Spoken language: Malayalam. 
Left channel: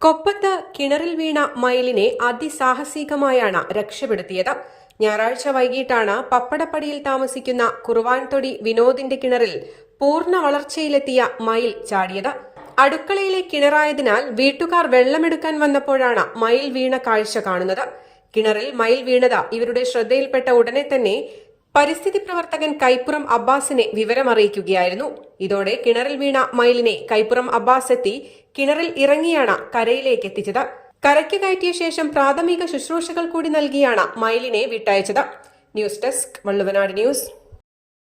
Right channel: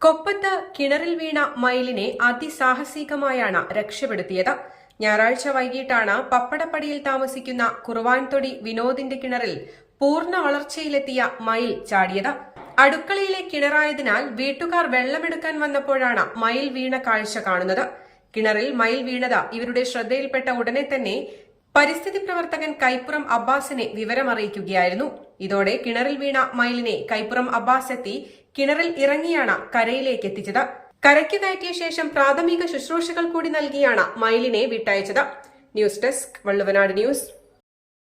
കൊപ്പത്ത് കിണറിൽ വീണ മയിലിനെ അതിസാഹസികമായാണ് രക്ഷപ്പെടുത്തിയത്. ഞായറാഴ്ച വൈകിട്ടാണ് പപ്പടപ്പടിയിൽ താമസിക്കുന്ന കുറുവാൻതൊടി വിനോദിന്റെ കിണറിൽ പൂർണ്ണ വളർച്ചയിലെത്തിയ മയിൽ ചാടിയത്. അടുക്കളയിലെ കിണറായതിനാൽ വീട്ടുകാർ വെള്ളമെടുക്കാൻ വന്നപ്പോഴാണ് മയിൽ വീണ കാഴ്ച കാണുന്നത്. കിണറിൽ മയിൽ വീണത് ഇവരുടെ ശ്രദ്ധയിൽപ്പെട്ട ഉടനെ തന്നെ പരിസ്ഥിതി പ്രവർത്തകൻ കൈപ്പുറം അബ്ബാസിനെ വിവരമറിയിക്കുകയായിരുന്നു. ഇതോടെ കിണറിൽ വീണ മയിലിനെ കൈപ്പുറം അബ്ബാസ് എത്തി കിണറിൽ ഇറങ്ങിയാണ് കരയിലേക്ക് എത്തിച്ചത്. കരയ്ക്ക് കയറ്റിയ ശേഷം പ്രാഥമിക ശുശ്രൂഷകൾ കൂടി നൽകിയാണ് മയിലിനെ വിട്ടയച്ചത്. News desk Valluvanad news.